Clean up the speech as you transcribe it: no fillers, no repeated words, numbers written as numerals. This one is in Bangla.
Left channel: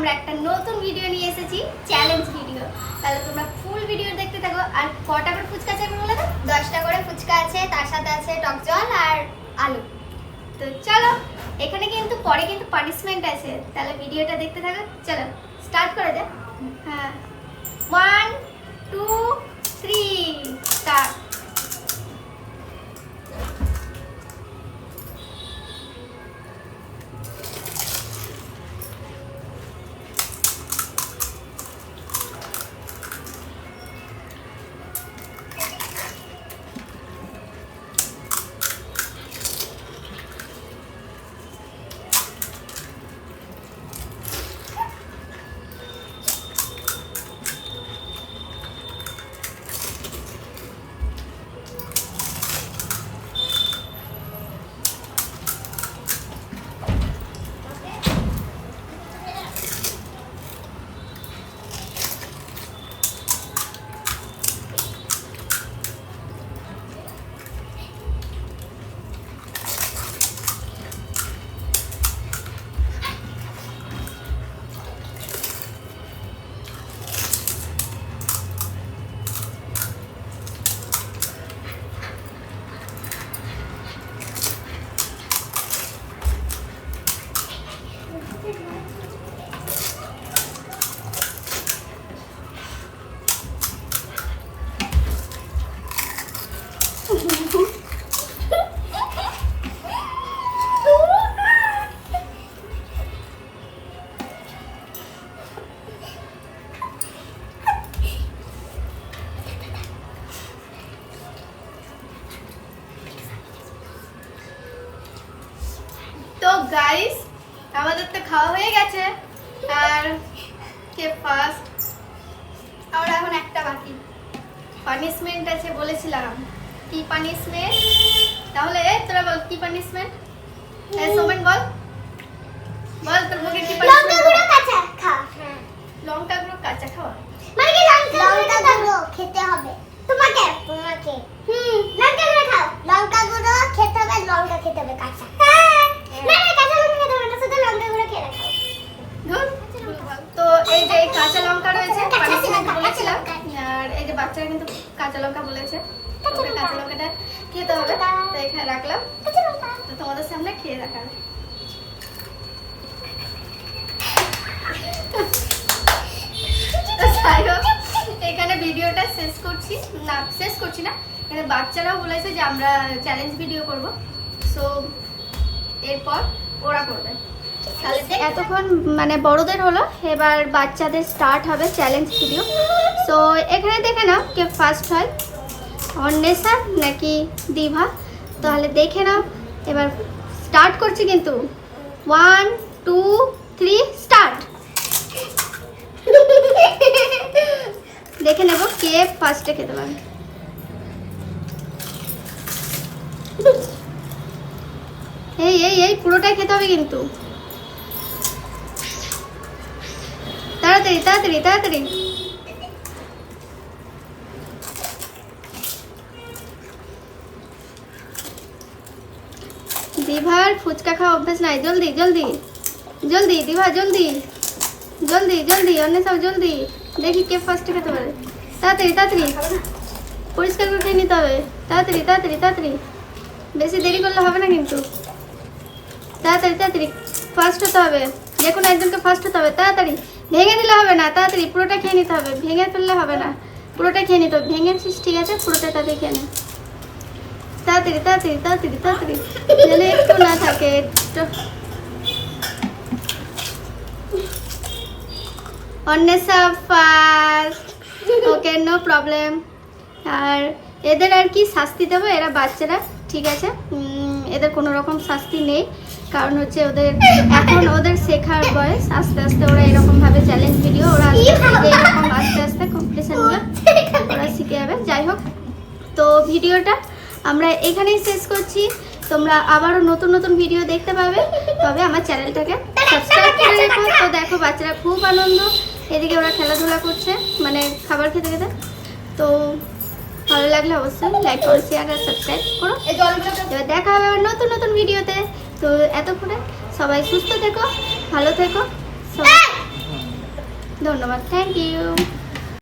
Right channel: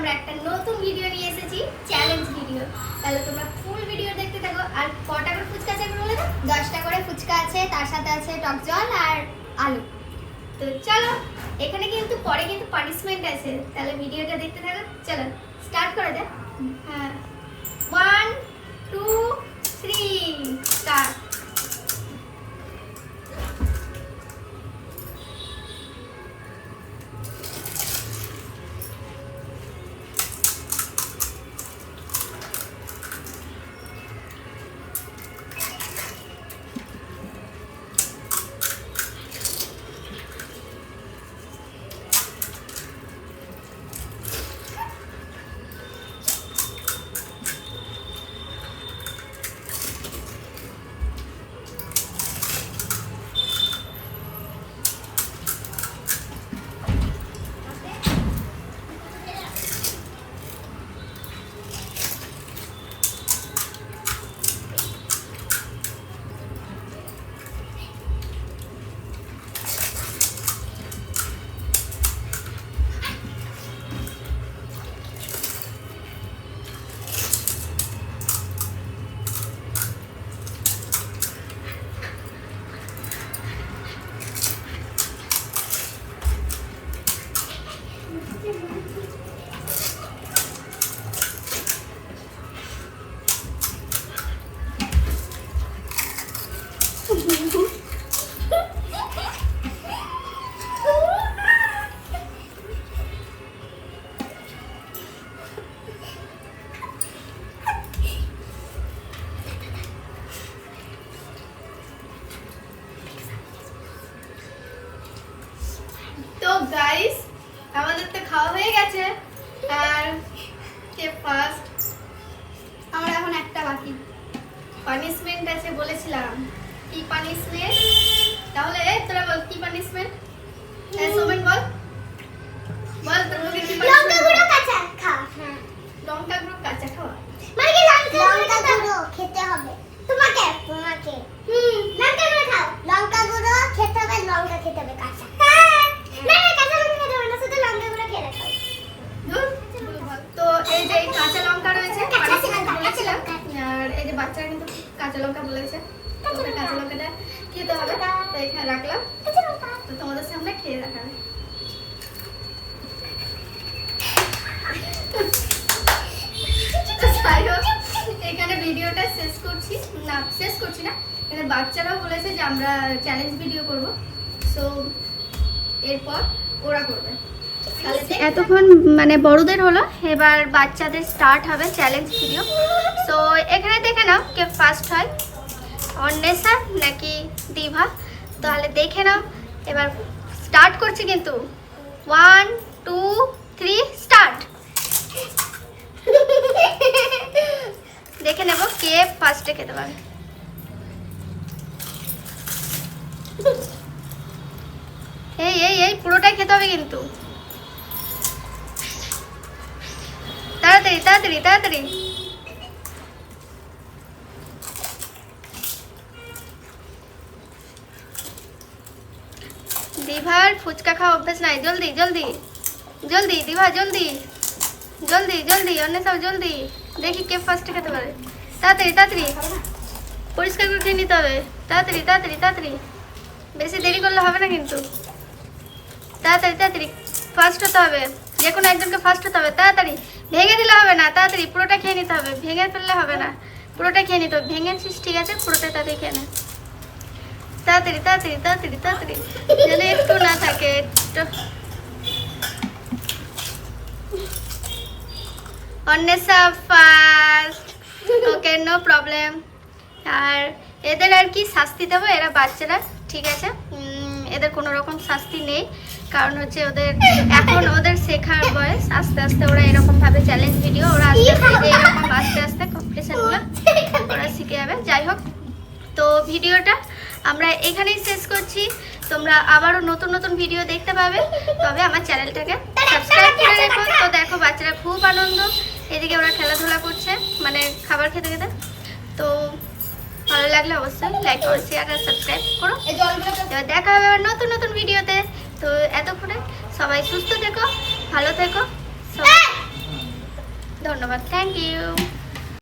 আমরা একটা নতুন ভিডিও নিয়ে এসেছি, চ্যালেঞ্জ ভিডিও। তাহলে তোমরা ফুল ভিডিও দেখতে থাকো। আর কটা করে ফুচকা আছে বলে দাও? 10টা করে ফুচকা আছে, তার সাথে আছে টক জল আর আলু। তো চলো, এখানে কিন্তু পরে কিন্তু পানিশমেন্ট আছে, তাহলে ভিডিওটা দেখতে থাকো। চলো স্টার্ট করে দে। হ্যাঁ, 1 2 3 স্টার্ট। তো গাইস, আমাদের তো খাওয়া হয়ে গেছে। আর কে ফার্স্ট? আমরা এখন একটা বাকি পানিশমেন্ট আছে বলেছিলাম। কি পানিশমেন্ট? তাহলে তোরা বল কি পানিশমেন্ট? সোমেন বল বল, তোর মুখে কি পানিশমেন্ট? লঙ্কা গুঁড়ো কাঁচা খা। হ্যাঁ, লঙ্কা গুঁড়ো কাঁচা খাওয়া। মানে কি লঙ্কা গুঁড়ো খেতে হবে তোমাকে? লঙ্কা গুঁড়ো খাও। লঙ্কা গুঁড়ো খেতে হবে, লঙ্কা খেতে হবে কাঁচা। না না, কাঁচা লঙ্কা খেতে হবে না, শুধু লঙ্কা গুঁড়ো খেয়ে রাখো। তো এই যে কাঁচা লঙ্কা রয়েছে, পানিশমেন্ট বলেছিলাম। আর এই যে বাচ্চারা কিন্তু কাঁচা লঙ্কা বলেছে, তোকে কাঁচা লঙ্কাটা খেতে হবে, তো এখানে রাখলাম। কাঁচা লঙ্কা তো তোমাদের সামনে খেয়ে রাখা। এখানে ভিডিওটা শেষ করছি না, এখানে বাচ্চারাও বলেছে যে আমরা চ্যালেঞ্জ ভিডিও করব, সো এরপর ওরা করবে। এতক্ষণ মানে বড়দের হলো, এবার বাচ্চাদের স্টার্ট হবে চ্যালেঞ্জ ভিডিও। তো এখানে দেখে নাও কে ফার্স্ট হয়, অন্বেষা নাকি দিভা। তাহলে দেখে নাও, এবার স্টার্ট করছি কিন্তু। 1 2 3 স্টার্ট। দেখে নেব কে ফার্স্টে খেতে পারে। এই এই এই পুরোটাই খেতে হবে কিন্তু, তাড়াতাড়ি তাড়াতাড়ি তাড়াতাড়ি। দিভার ফুচকা খাওয়া অভ্যাস নাই, জলদি জলদি জলদি দিভা, জলদি জলদি জলদি, অন্যথাও জলদি। দেখি কে ফার্স্টে খেতে পারে। তাড়াতাড়ি তাড়াতাড়ি পরিষ্কার করে খেয়ে নিতে হবে, তাড়াতাড়ি তাড়াতাড়ি তাড়াতাড়ি, বেশি দেরি করলে হবে না কিন্তু। তাড়াতাড়ি তাড়াতাড়ি ফার্স্ট হতে হবে, যে কোনো একজনকে ফার্স্ট হতে হবে। তাড়াতাড়ি, ভেঙে দিলে হবে না, তাড়াতাড়ি পুরোটা খেয়ে নিতে হবে, ভেঙে ফেললে হবে না, পুরোটা খেয়ে নিতে হবে। ভেঙেছিস ঠিক আছে, পুরোটা তাড়াতাড়ি খেয়ে নে। তাড়াতাড়ি তাড়াতাড়ি তাড়াতাড়ি তাড়াতাড়ি, যেন একটু না থাকে একটু। Anwesha first, okay no problem. আর এদের আর কি শাস্তি দেবো, এরা বাচ্চারা ঠিক আছে, এদের কোনো রকম শাস্তি নেই, কারণ হচ্ছে ওদের এখন ওদের শেখার বয়স। আস্তে আস্তে ওরা এরকম ভাবে চ্যালেঞ্জ ভিডিও ওরা এরকম আস্তে আস্তে কম্পিটিশনগুলো ওরা শিখে যাবে। যাই হোক, তো ভিডিওটা আমরা এখানেই শেষ করছি। তোমরা আবারও নতুন নতুন ভিডিও দেখতে পাবে, তবে আমার চ্যানেলটাকে সাবস্ক্রাইব করে রেখো। তো দেখো বাচ্চারা খুব আনন্দ, এদিকে ওরা খেলাধুলা করছে মানে খাবার খেতে খেতে। তো ভালো লাগলে অবশ্যই লাইক করো, শেয়ার আর সাবস্ক্রাইব করো। দেখা হবে আবার নতুন নতুন ভিডিওতে। তো এতক্ষণে সবাই সুস্থ থেকো, ভালো থেকো সবাই। ধন্যবাদ, থ্যাংক ইউ।